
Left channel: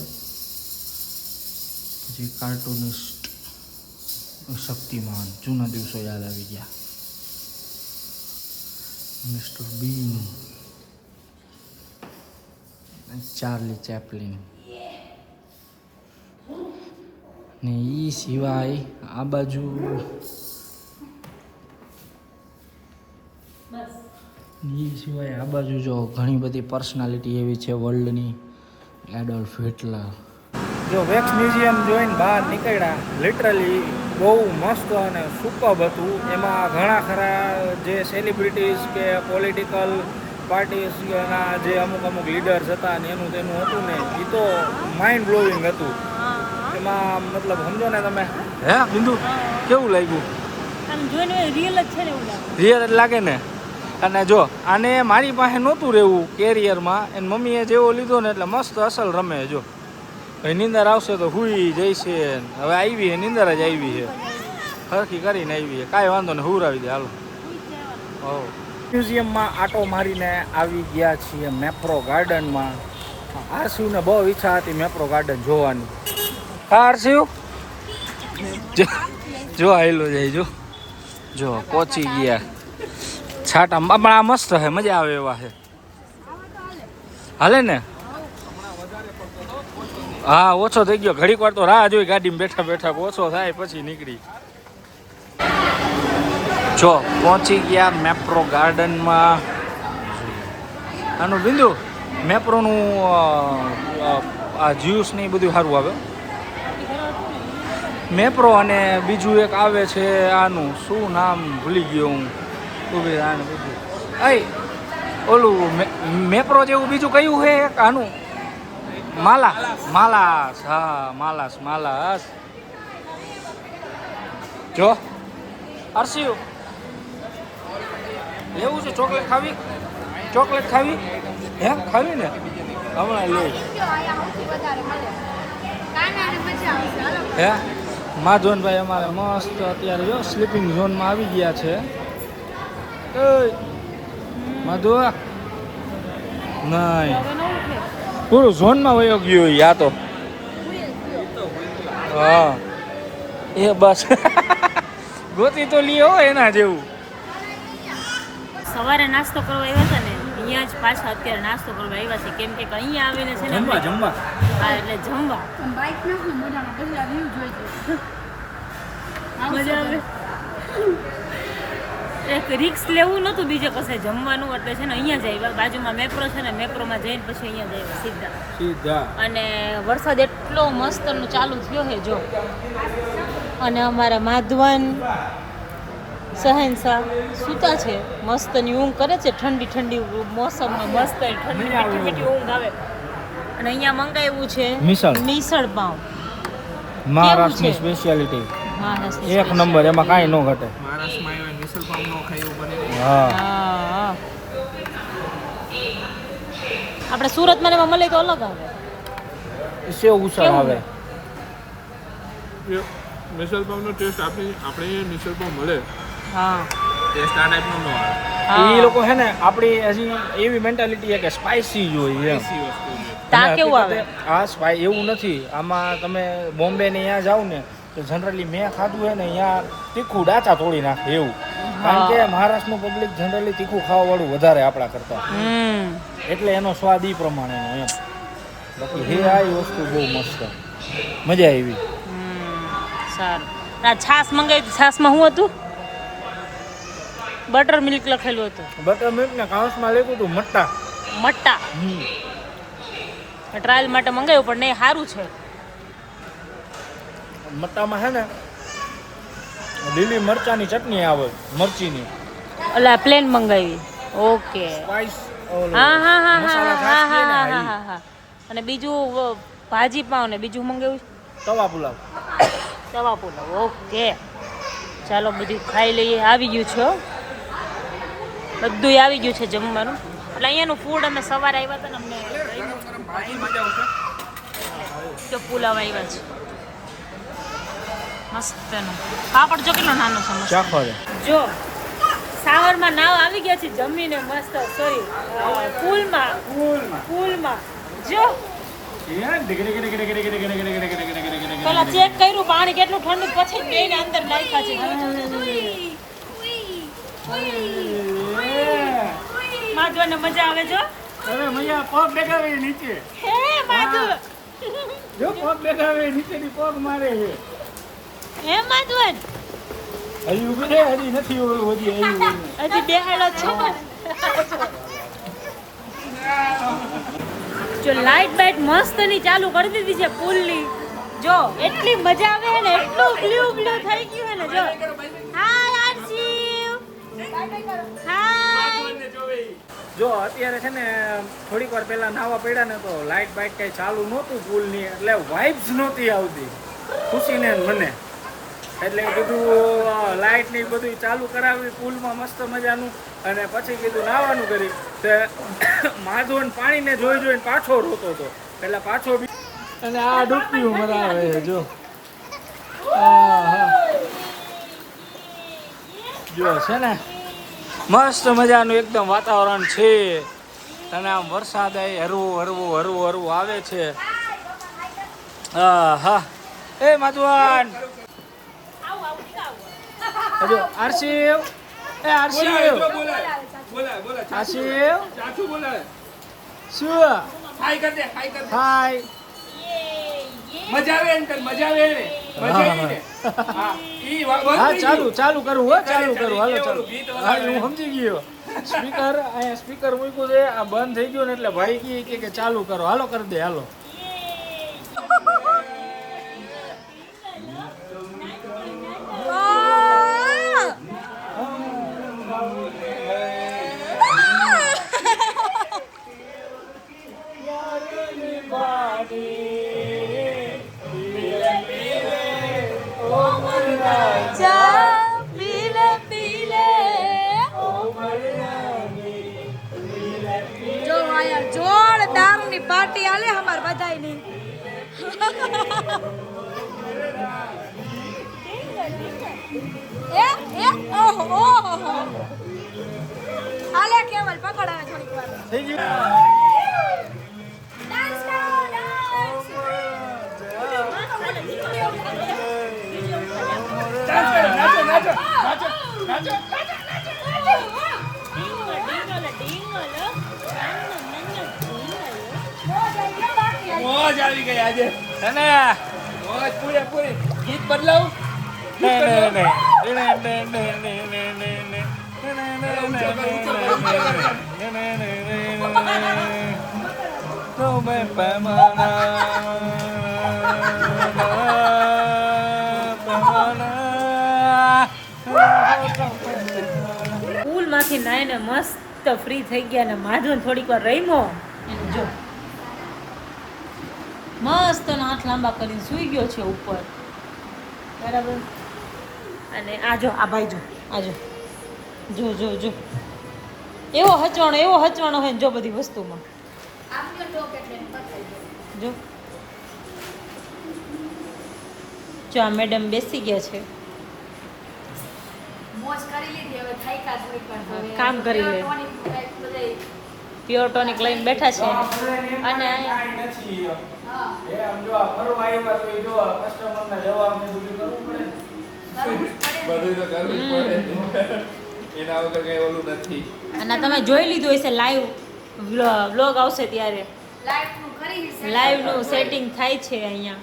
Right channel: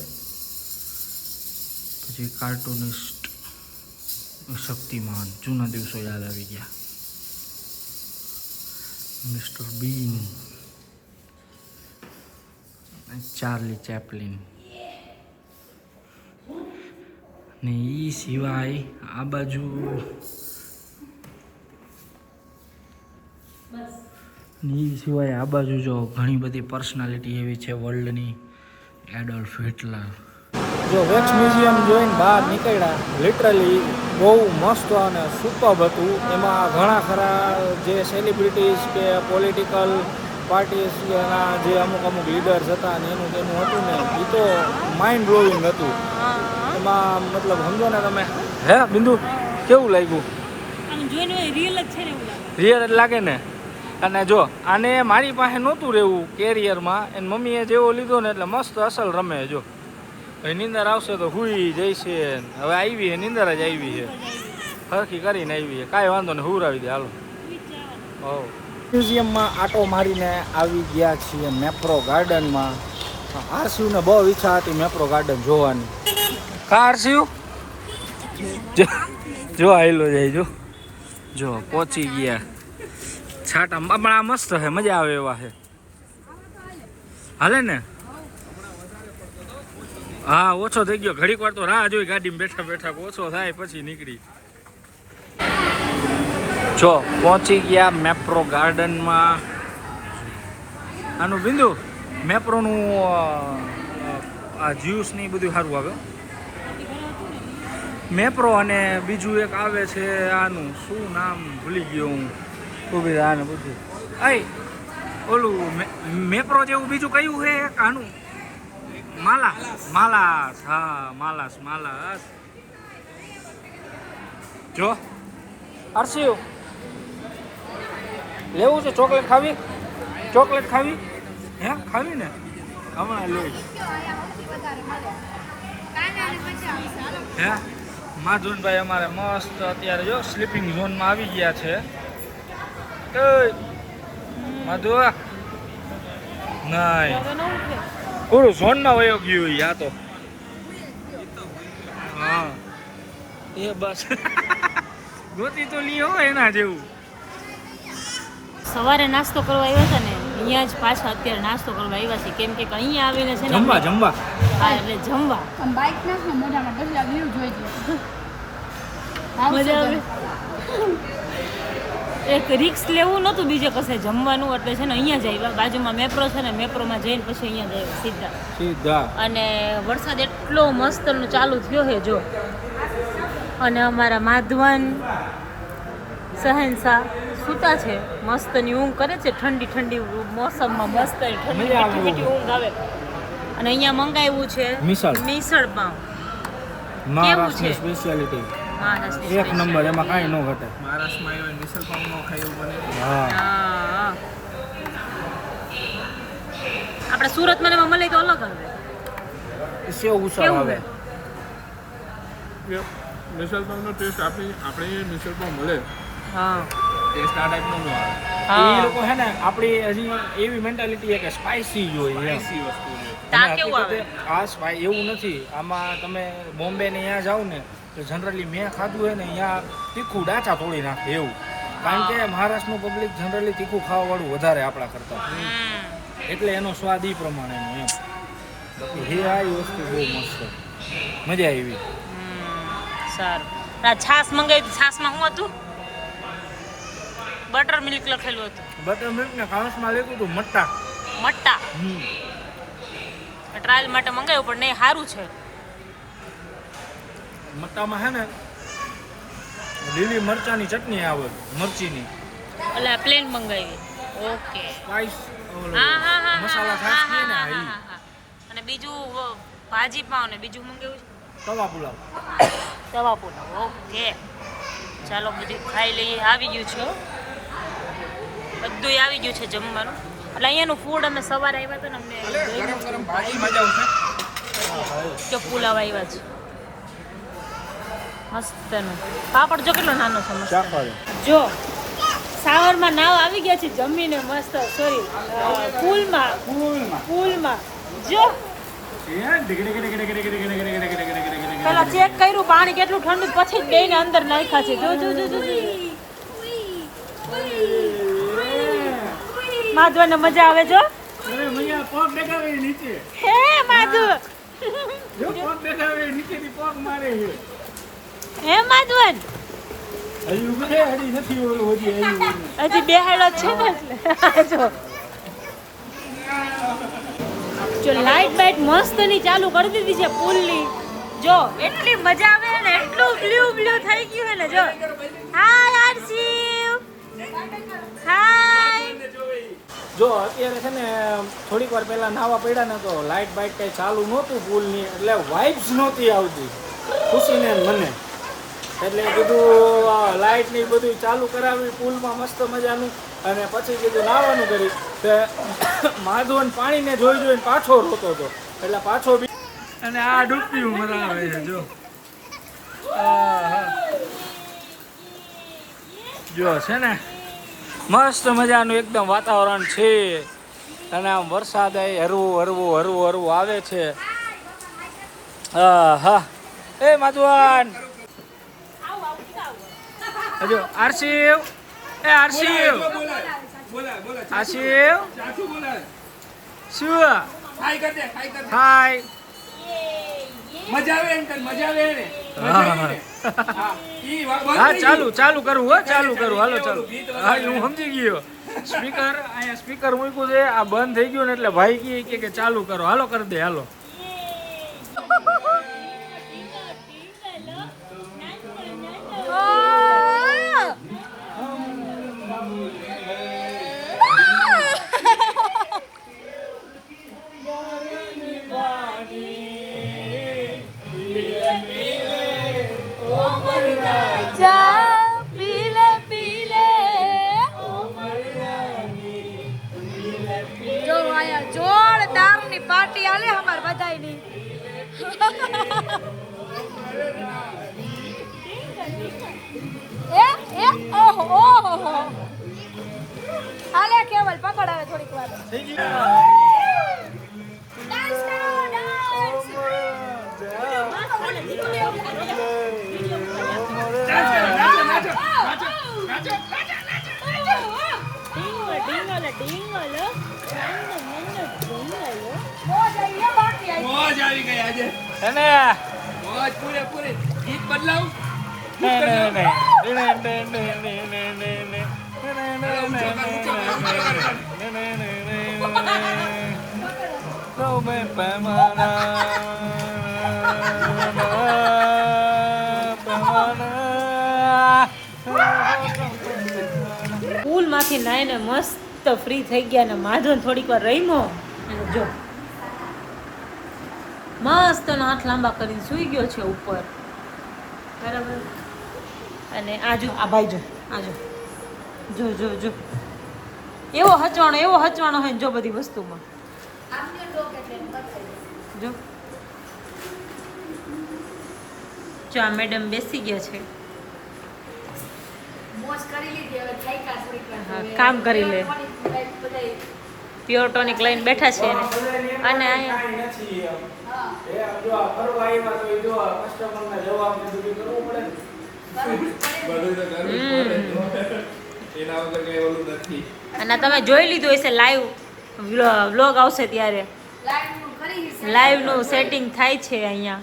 પછી કાર્ટૂનિસ્ટ શક્તિમાન, જૂના દિવસો યાદ આવી ગયા. મિસ્ટર બીન, ચાર્લી ચેપલિન. ને એ સિવાય આ બાજુ જો ઘણી બધી પર્સનાલિટી એવી છે વર્લ્ડની. Adolf Hitler. જો વેક્સ મ્યુઝિયમ જોઈને બહાર નીકળ્યા, લિટરલી બહુ મસ્ત અને સુપર્બ હતું. એમાં ઘણા ખરા જે સેલિબ્રિટીઝ કે પોલિટિકલ પાર્ટીઝના જે અમુક લીડર્સ હતા ને એનું તેનું હતું ને, એ તો માઇન્ડ બ્લોવિંગ હતું. એમાં મતલબ સમજો ને તમે. હે બિંદુ, કેવું લાગ્યું? આમ જોઈને રિયલ જ છે ને એવું લાગે. રિયલ જ લાગે ને. અને જો આને મારી પાસે નહોતું રહેવું કેરિયરમાં, એની મમ્મીએ જેવો લીધો ને એટલે મસ્ત અસલ રમે. જો હવે નીંદર આવશે તો હુઈ જઈશે. હવે આવી છે, નીંદર જ આવી છે, હરખી કરીને આવી છે. કાંઈ વાંધો નહીં, હુરાવી દે હાલો. હો, મ્યુઝિયમમાં આટો મારીને આવી ગયા છીએ મેપ્રો ગાર્ડનમાં. આરસીયુને બહુ ઈચ્છા હતી મેપ્રો ગાર્ડન જોવાની. કા આરસીયુ જો આવેલો જાય. જો પહોંચી ગયા છાટા. પણ આ મસ્ત છે, મજા આવે એવા છે. હાલે ને? હા, ઓછો થઈ ગયો. ઘડીક વાર તો રાહ જોઈ ગાડીમાં બેઠા બેઠા, ઓછો થાય પછી નીકળી. જો પહોંચી ગયા મેપ્રો ગાર્ડનમાં. આનું બિંદુ મેપ્રોનું આ જ્યુસ ને એ બધું સારું આવે. મેપ્રો અને બીજું એક આવે છે, આનું શું નામ ભૂલી ગયો હું. ઉભી આને બધું ઓલું મેપ્રો જેવું બીજું કયું છે એક આનું? માલાસ. હા, માલાસ. જો આરસીયુ લેવું છે? ચોકલેટ ખાવી? હે, ખાવી ને? હમણાં લે. હે માધવનભાઈ અમારે મસ્ત અત્યારે જો સ્લીપિંગ ઝોનમાં આવી ગયા છે. માધવ નહીં, પૂરું ઝોનમાં વયો ગયો યા તો. હા, એ બસ ગોતી તો લ્યો એના જેવું. સવારે નાસ્તો કરવા આવ્યા હતા ને અહીંયા જ પાછા અત્યારે નાસ્તો કરવા આવ્યા છે કેમ કે અહીંયા આવીને છે ને જમવા આપણે- જમવા હા એટલે જમવા આમ બાઈક નાખ ને મોઢામાં ઢીકલા વ્યૂ જોઈ મજા આવે એક રિક્સ લેવું નહોતું બીજે કશે જમવાનું એટલે છે ને અહીંયા જ આવ્યા બાજુમાં મેપ્રો છે ને મેપ્રોમાં જઈને પછી અહીંયા જ આવ્યા સીધા સીધા અને વરસાદ એટલો મસ્તનો ચાલુ થયો છે જો અને અમારા માધવન સહેનશા સૂતા છે મસ્તની ઊંઘ કરે છે ઠંડી ઠંડી મોસમમાં મસ્ત ઠંડી મજા આવે મીઠી મીઠી ઊંઘ આવે અને અહીંયા મંગાવ્યું છે મિસળ. મિસળ પાવ મહારાષ્ટ્રની છે? સ્પેશિયાલિટી મહારાષ્ટ્રની એક નંબર, એમાં કાંઈ ન ઘટે. મહારાષ્ટ્રમાં આવ્યો મિસલ પાવ નો ખાયું બને હા હા. આપણે સુરતમાં ને એમાં મળે તો અલગ આવે સેવ ઉસળ કેવું આવે. છે મિસલ પાવનો ટેસ્ટ આપણે મિસલ પાવ મળે હા ટેસ્ટ આ ટાઈપનો ન આવે એ લોકો છે ને આપણી હજી એવી મેન્ટાલિટી છે કે સ્પાઇસી જોઈએ એમ. એસી વસ્તુ છે તા કેવું આવે આ સ્પાઈ એવું નથી. આમાં તમે બોમ્બે ને અહીંયા જાઓ ને તો જનરલી મેં ખાધું હોય ને અહીંયા તીખું ડાચા તોડી નાખે એવું. કારણ કે મહારાષ્ટ્રનું પબ્લિક જનરલી તીખું ખાવાવાળું વધારે આપણા કરતા, એટલે એનો સ્વાદ ઈ પ્રમાણેનો એમ. બાકી હે આ વસ્તુ બહુ મસ્ત, મજા આવી. સારું આ છાશ મંગાવી છાશમાં શું હતું બટર મિલ્ક લખેલું હતું બટર મિલ્ક ને કાઉન્સમાં લેતું હતું મટ્ટા. મટ્ટા ટ્રાયલ માટે મંગાવ્યું પણ નહીં સારું છે મટ્ટામાં છે ને લીલી મરચાની ચટણી આવે, મરચીની એટલે પ્લેન મંગાવી ઓકે સ્પાઇસ હા હા હા મસાલા હા છાશ હા ને હા ઈ. હા હા અને બીજું ભાજી પાવ ને બીજું મંગાવ્યું તવા પુલાવ. તવા પુલાવ ઓકે ચાલો બધું ખાઈ લઈએ આવી ગયું છે હો. બધું આવી ગયું છે જમવાનું એટલે અહીંયાનું ફૂડ અમે સવારે આવ્યા હતા ને અમને ગમ્યું કે પુલાવ આવ્યા છે મસ્તનો પાપડ જો કેટલો નાનો છે મસ્ત જો સાવરમાં નાવ આવી ગયા છે જમીને મસ્ત સોરી પુલમાં જો પેલા ચેક કર્યું પાણી કેટલું ઠંડુ પછી જ બેને અંદર નાખ્યા છે જો જો જો જો માધવને મજા આવે જો અરે મૈયા પગ બેઠાવે નીચે, હે માધવ જો પગ બેઠાવે નીચેથી પગ મારે છે. હે માધવન હજી ઉભી રે, હજી નથી ઓલું હજી આવ્યું. હજી બેહાડો છે ને જો લાઈટ બાઈટ મસ્ત ની ચાલુ કરી દીધી છે પુલની જો એટલી મજા આવે છે ને એટલું બ્લુ થઈ ગયું છે ને જો હાય આરસી હાય જો અત્યારે છે ને થોડીક વાર પહેલા નાવા પડ્યા ને તો લાઇટ બાઇટ કઈ ચાલુ નહોતું પુલની, એટલે વાઇબ્સ નહોતી આવતી ખુશીને ને મને. એટલે બધું લાઇટ ને બધું ચાલુ કરાવી પુલમાં મસ્ત મજાનું, અને પછી કીધું નાવાનું કરી તે માધવન પાણીને જોઈને પાછો રોતો હતો, એટલે પાછો બી અને આ ડૂબકી મરાવે છે જો. જો છે ને મસ્ત મજાનું એકદમ વાતાવરણ છે, અને આમ વરસાદ હરવું આવે છે. હા એ માધવન હજો આરસીવ એ આરસીવ આરસીવ શું હાય મજા આવે અંકલ મજા આવે ને હા ચાલુ કરું હો ચાલુ કરું હાલો ચાલુ. હા હું સમજી ગયો. સ્પીકર અહીંયા સ્પીકર મૂક્યું છે, આ બંધ થઈ ગયું ને એટલે ભાઈ કે ચાલુ કરો, હાલો કરી દે હાલો. જોરદારની પાર્ટી આલે હમાર બધાયની એ ઓહો આલે કેવલ પકડ હવે થોડીક વાર ડાન્સ કરો મોજ આવી ગઈ આજે અને મોજ પૂરેપૂરી ગીત બદલાવું પુલ માંથી નાઈને મસ્ત ફ્રી થઈ ગયા ને માધવન થોડીક વાર રહીમો એનું જો મસ્ત એનો હાથ લાંબા કરીને સૂઈ ગયો છે ઉપર બરાબર. અને આ જો આ ભાઈ જો આ જો જો જો જો એવો હચવાણો હોય ને જો બધી વસ્તુમાં જો જો આ મેડમ બેસી ગયા છે મોજ કરી લીધી હવે થાક્યા થોડીક વાર તો હવે કામ કરી લે. બધાય પ્યોર ટોનિક લઈને બેઠા છે એને. અને અહીંયા હા બધું તો કરવું જ પડે એના વગર કઈ ઓલું નથી અને તમે જોઈ લીધું હશે લાઈવ વ્લોગ આવશે ત્યારે લાઈવ નું કરી છે લાઈવ નું સેટિંગ થાય છે અહીંયા.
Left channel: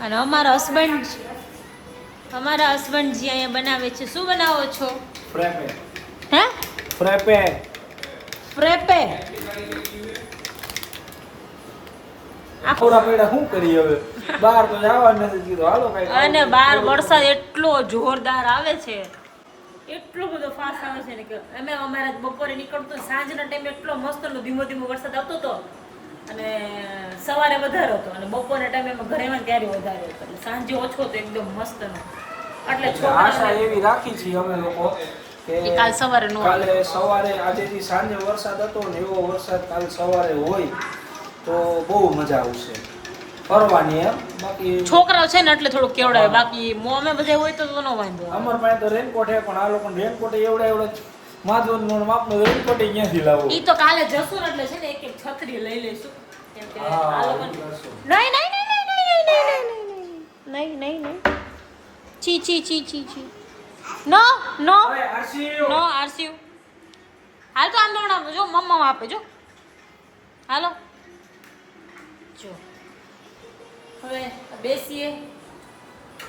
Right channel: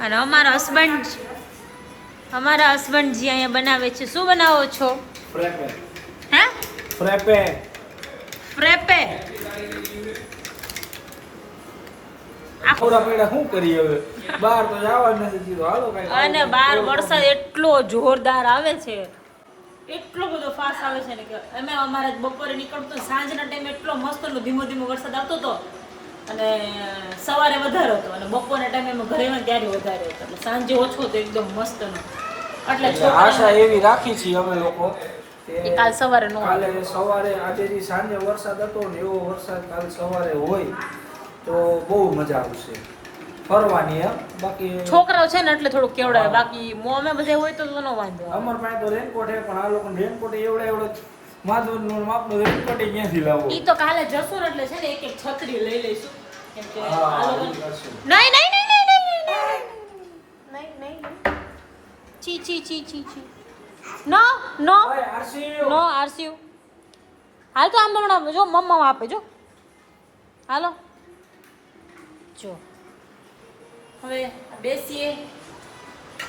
અને અમારા હસબન્ડજી અહીંયા બનાવે છે. શું બનાવો છો? હે ફ્રેપે. થોડા પેડા શું કરી હવે બહાર તો જવાનું નથી કીધું હાલો કઈ અને બહાર વરસાદ એટલો જોરદાર આવે છે, એટલો બધો ફાસ્ટ આવે છે ને કે અમે અમારા બપોરે નીકળતો સાંજના ટાઈમે એટલો મસ્તનો ધીમો ધીમો વરસાદ આવતો હતો અને સવારે વધારે હતો અને બપોરના ટાઈમે અમે ઘરેમાં ક્યારે વધારે હતો એટલે સાંજે ઓછો હતો એકદમ મસ્તનો. એટલે આશા એવી રાખી છે અમે લોકો કે કાલ સવારે નો આવે. કાલે સવારે આજેથી સાંજે વરસાદ હતો ને એવો વરસાદ કાલ સવારે હોય તો બહુ મજા આવશે ફરવાની. એમ બાકી છોકરાઓ છે ને એટલે થોડુંક કેવડાવે, બાકી અમે બધા હોય તો નો વાંધો. અમાર પાસે તો રેનકોટ હે પણ આ લોકો રેનકોટ એવડો માધવનો માપનો રેનકોટ ક્યાંથી લાવો? ઈ તો કાલે જશું ને એટલે છે ને એક એક છત્રી લઈ લઈશું કેમ કે આ લોકો નહીં ચી નો આરસીયુ હાલ તો આમ તો હમણાં જો મમ્મા આપે જો હાલો જો હવે બેસીએ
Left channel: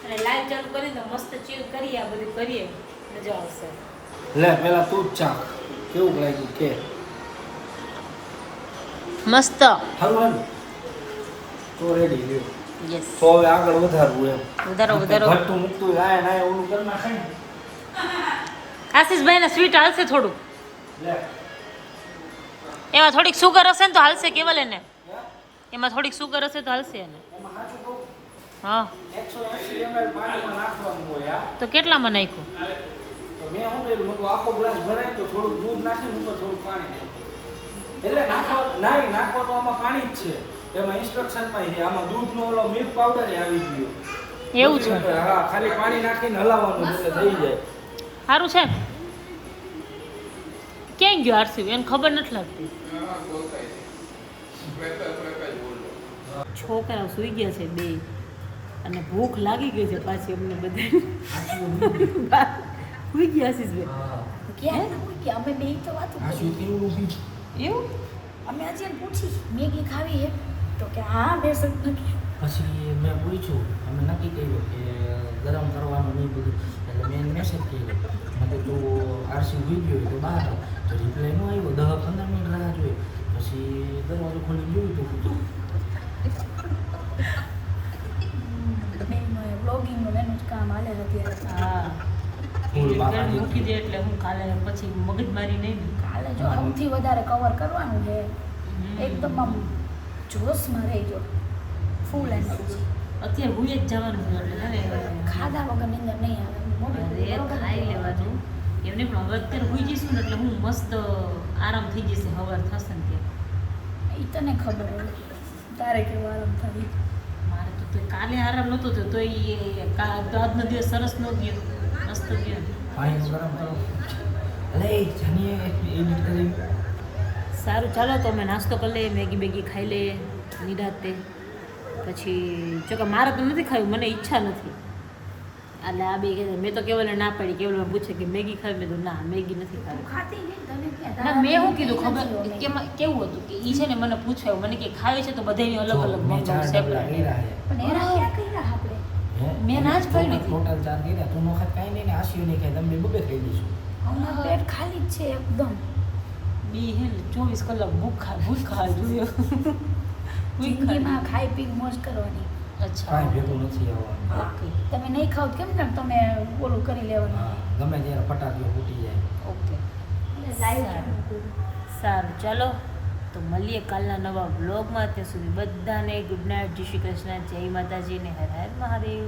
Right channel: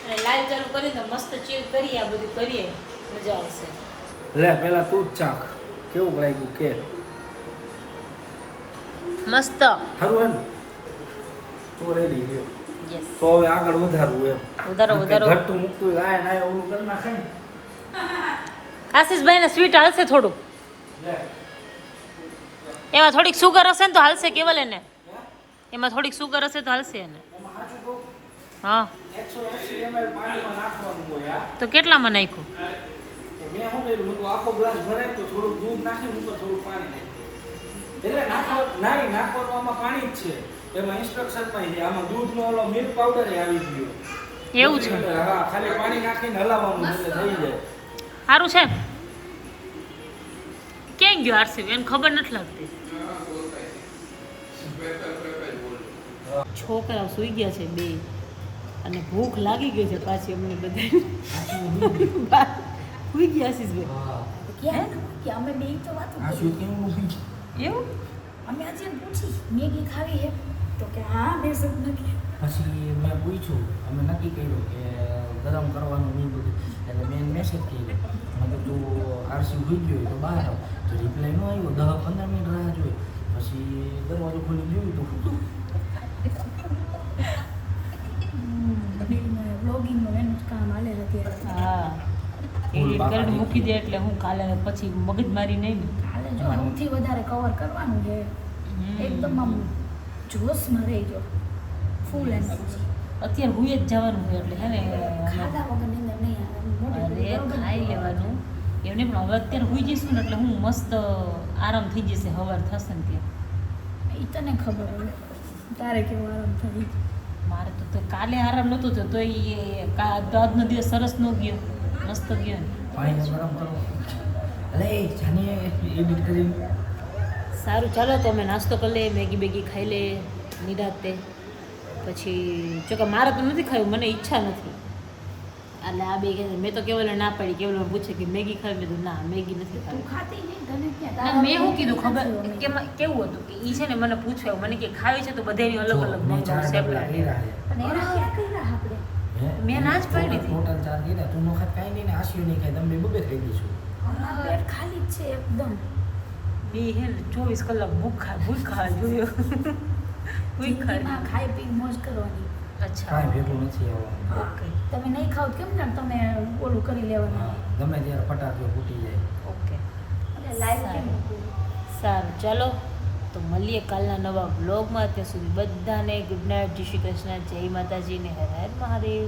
અને લાઈવ ચાલુ કરીને મસ્ત ચીલ કરીએ, આ બધું કરીએ, મજા આવશે. લે પેલા તું જ ચાખ કેવું લાગ્યું કે મસ્ત સારું એમ તો રેડી રહ્યો. યસ તો હવે આગળ વધારવું એમ વધારો ઘટતું મૂકતું લાય નાય ઓલું કરી નાખે ને. આશીષભાઈ ને સ્વીટ હાલશે થોડુંક, લે એમાં થોડીક સુગર હશે ને તો હાલશે. કેવલ એને એમાં થોડીક સુગર હશે તો હાલશે એને. એમાં સાચું કહું હા 180 ml પાણીમાં નાખવાનું હોય. આ તો કેટલામાં નાખ્યું? તો મેં શું કર્યું મેં કીધું આખો ગ્લાસ ભરાય તો થોડુંક દૂધ નાખીને ઉપર થોડુંક પાણી નાખ્યું. એટલે નાખવા તો આમાં પાણી જ છે, એમાં ઇન્સ્ટ્રક્શનમાં છે. આમાં દૂધનો ઓલો મિલ્ક પાવડર આવી ગયો એવું છે? હા ખાલી પાણી નાખીને હલાવવાનું એટલે થઈ જાય. સારું છે. ક્યાં ગયો આરસી? એને ખબર નથી લાગતી. છોકરાઓ સુઈ ગયા છે બે અને ભૂખ લાગી ગઈ છે પાછી અમને બધા. સુઈ ગયા આશીષભાઈ? ક્યાં કે અમે બે તો વાતો આ કરી. શું કેવું ઊભી એવું? અમે આજે એને પૂછી મેગી ખાવી હે તો કે હા બે શબ્દ નથી. પછી મેં પૂછ્યું અમે નક્કી કર્યું કે ગરમ કરવાનું નહીં બધું એટલે મેં મેસેજ કર્યો મેં તું આરસી હોઈ ગયો તો બહાર આવ તો રિપ્લાય ન આવ્યો. 10-15 મિનિટ રાહ જોઈ પછી દરવાજો ખોલી જોયું તો શું બ્લોગિંગનું એનું જ કામ હાલે છે અત્યારે. હા મૂકી દે એટલે હું કાલે પછી મગજમારી નહીં. કાલે જો સૌથી વધારે કવર કરવાનું છે, એકદમ આમ જોશમાં રહી ગયો ફૂલ એનર્જી. અત્યારે હુઈ જ જવાનું છે એટલે ખાધા વગર નીંદર નહીં આવે. મોઢું અરે બરોબર ખાઈ લેવાનું એમને પણ હવે અત્યારે હુઈ જઈશું ને એટલે હું મસ્ત આરામ થઈ જશે. હવાર થશે ને ત્યાં ઈ તને ખબર હોય તારે કેવો આરામ થાય. મારે તો કાલે આરામ નહોતો થયો તો આજનો દિવસ સરસ ન ગયો, મસ્ત ગયો. પાણી ગરમ કરો એટલે જાનીએ એડિટ કરી. સારું ચાલો તો અમે નાસ્તો કરી લઈએ, મેગી બેગી ખાઈ લઈએ નિરાતે. પછી જો કે મારે તો નથી ખાયું, મને ઈચ્છા નથી. એટલે આ બે કહે છે, મેં તો કેવલ ના પાડી, કેવલ મને પૂછે કે મેગી ખાવી, મેં કીધું ના મેગી નથી ખાવી. ખાતી નહીં તને ક્યાં? ના મેં શું કીધું ખબર કેવું હતું કે ઈ છે ને મને પૂછાયું, મને કે ખાવી છે તો બધાની અલગ અલગ મેં 4 મંગાવું, ડબલા કર્યા છે. પણ એના ક્યાં કર્યા આપણે? મેં ના જ પાડી દીધી. ટોટલ 4 કર્યા. તું નો ખાત કાંઈ નહીં ને આશિયું નહીં ખાય. તમે બબે ખાઈ લઈશું. અમારું પેટ ખાલી જ છે એકદમ. બે હે ને 24 કલાક ભૂખા જોઈએ. જિંદગીમાં ખાઈ પી મોજ કરવાની. અચ્છા કાંઈ ભેગું નથી આવવાનું. ઓકે તમે નહીં ખાવ તો કેમ ને તમે ઓલું કરી લેવાનું. હા, ગમે ત્યારે ફટાકીઓ ફૂટી જાય. ઓકે એટલે લાઈવ સારું ચાલો તો મળીએ કાલના નવા બ્લોગમાં. ત્યાં સુધી બધાને ગુડ નાઇટ, જય શ્રી કૃષ્ણ, જય માતાજી ને હર હર મહાદેવ.